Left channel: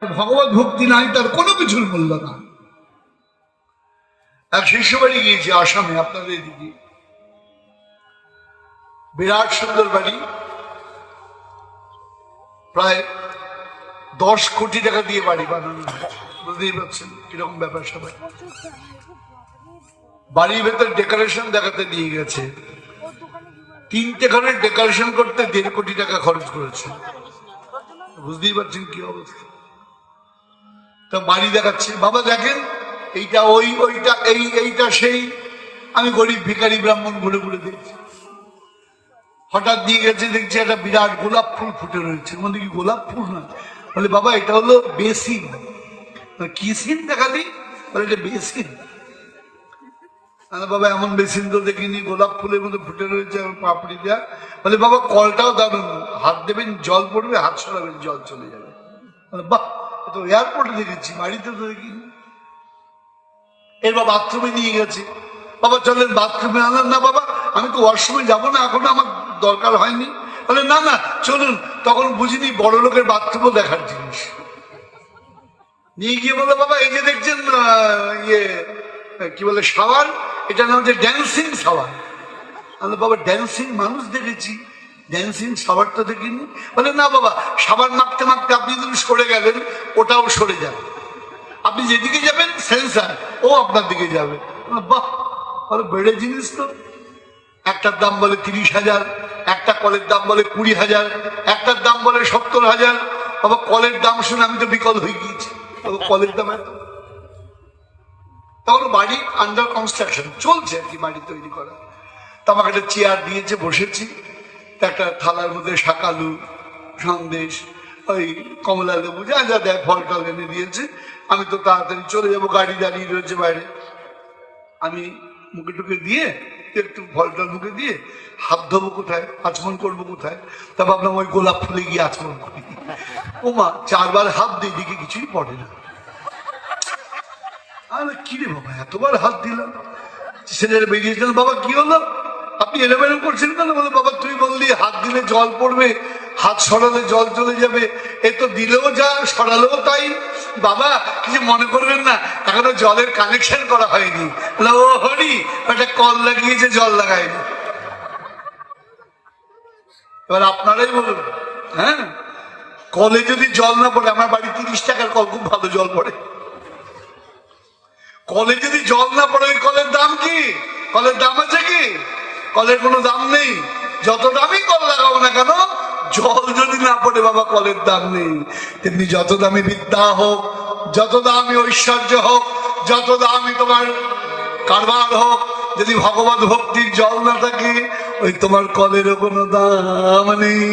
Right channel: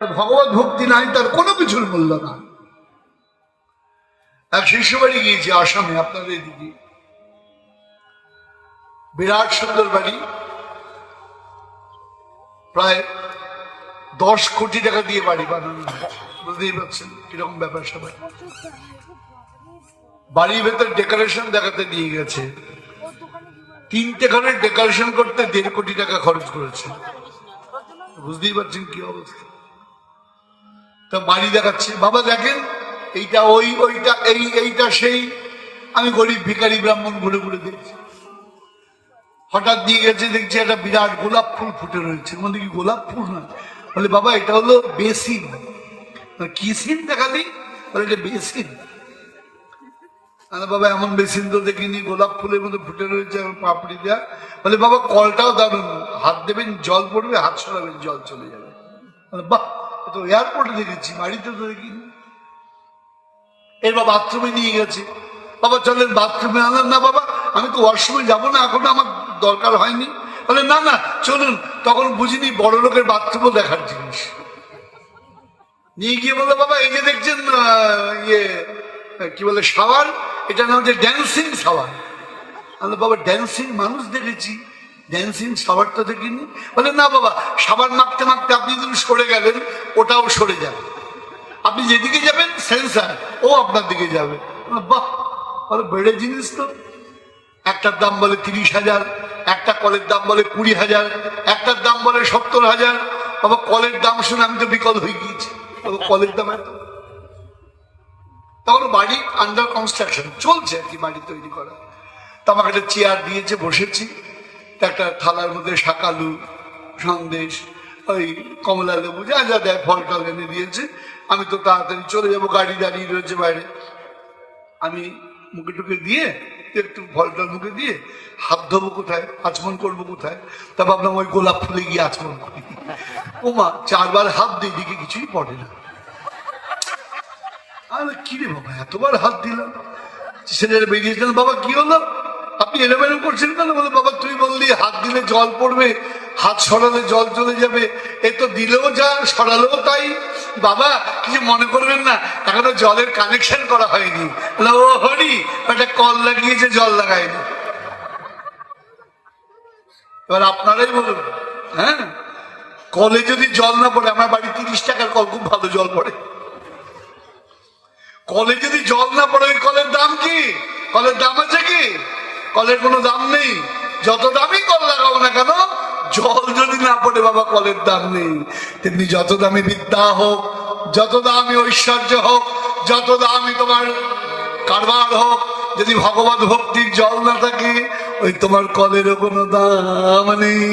ভগবত ভক্তি নাই, তার কোনো কিছুর মূল্য না। এক শিষ্য বাড়ি গিয়েছি আসামে, আপনাদের দিদি, বিরাট সুন্দর বাড়ি, প্রায় 10 কোটি টাকা দিয়ে বাড়ি বানানো, বুঝতেই পারছেন কিরকম ব্যাপার সবাই। বাড়ির ভেতর ডেকোরেশন দেখাতে নিয়ে গেছে, 3টে ঘরের ডেকোরেশন করতে 1.5 কোটি টাকা খরচ করেছে, বুঝতেই পারছেন কি অবস্থা। তো বাড়ি দেখাচ্ছে, বাবা দেখেন এইটা ওই, ওইটা এই, এইটা সেই। আমি গরিব ভিখারি ব্রাহ্মণ ঘুরে ঘুরে দিয়েছি। হঠাৎ দিয়ে গেছে, দেখছি একটা বিরাট গোলাপ ফুল ফুটে রয়েছে, মধ্যে কি গোলাপ ফুল না, বলে বাবা এটা হলো বেসিন। কি সিন দেখালি? বলে এটা বেসিন। আরে বাবা এমন বেসিন তো দেখিনি, গোলাপ ফুলের মধ্যে ফুটে রয়েছে পাপড়ি দেওয়া। বলে বাবা কলটাও দেবেন, হাত দেবেন জল পড়বে, হাত সরাবেন জল চলে যাবে। বাহ, তো এয়ারপোর্টে দেখেছি, বাড়িতে তো দেখিনি। এরপর বাথরুমে নিয়ে গেছে, বাবা চলেন বাথরুমে। আনলেন না বাবা, আমি তো ওয়াশরুমে যাবো না, এখন আমার দরকার হয়নি। বলে না না চলুন। তখন বুঝিনি বড় লোকের বাথরুমও দেখার জিনিস। নিয়ে গিয়ে বলে বাবা এই যে দেখছেন ইয়ে কি বলে শাওয়ার, এটা নাম হচ্ছে ড্যান্সিং শাওয়ার। আমি বাবা ড্যান্সিং মানুষ দেখেছি, ড্যান্সিং শাওয়ার তো দেখিনি। বলে না বাবা, সাবান মাখতে মাখতে আপনি যদি সরে গেলেন ওটাও সরে যাবে, আপনি যেদিকে যাবেন সেন্সার ও আপনার দিকে যাবে। বাহ, বলে বেড়ে জিনিস তো। একটার দাম বলে 30,000, একটা কলের দাম বলে 20,000, একটার দাম বলে 70,000। বাবা কলের দাম শুনে আমি তো বিকল হয়ে গিয়েছি, কলের দাম এত। তখন বাড়ি আন্ডার কনস্ট্রাকশন চলছে আর কি, বাড়ি তৈরি করা। তো আমাকে একটা চেয়ার দিয়েছে, বসেছি, একটা থালার মধ্যে শাকালু, সন্দেশ, ওই কমলা লেবু, যা যা দেয় ফল টল এনে দিয়েছে। আমি তো তাড়াতাড়ি চলে যাবো, গাড়ি দাঁড়িয়ে রয়েছে বাইরে। আমি মুখে টুকে দিয়ে একটু ফল টল মুখে দিয়ে হাত ধোবো কোথায়, আচমন করবো কোথায়, তা ভাবলাম ওই গোলাপ ফুলে গিয়ে আচমন করি। ওমা 4 বার হাত দিয়ে দিকে কিছুই পড়ে না। আরে কি রে বাবা, এতবার হাত দিলাম। ছেলের বেরিয়েছেন, বাবা কি হলো, আপনি এলোমেলো করছেন কেন? বলে বাবা তুই বললি হাত দিলে জল পড়বে, হাত সরালে জল চলে যাবে, এই তো দিলেও যা সরালেও তাই। বাবা কিছু মনে করবেন না, এখনো জলের কানেকশন করা হয়নি। ও হরি, একটা কল লাগিয়েছে, জল লাগায়নি। এবার আপনারাই বলুন, হ্যাঁ কলে যদি জল না পড়ে, আমার বাড়ি 30 টাকার কল, খুব ভালো জল পড়ে। কলে যদি জল না পড়ে, কলের দাম কি? কলের দাম আছে কি? কলের কোনো দাম নেই। যত দামি কল লাগাবো না কেন, জল যদি না পড়ে বাবা কলের দাম নেই। তেমনি যত দামি বিদ্যা হোক, যত দামি ঐশ্বর্য হোক, যত দামি তোমার কারবার হোক, যদি ভগবত ভক্তির জল না থাকে, ওই তোমার কলেরও কোনো দাম নেই।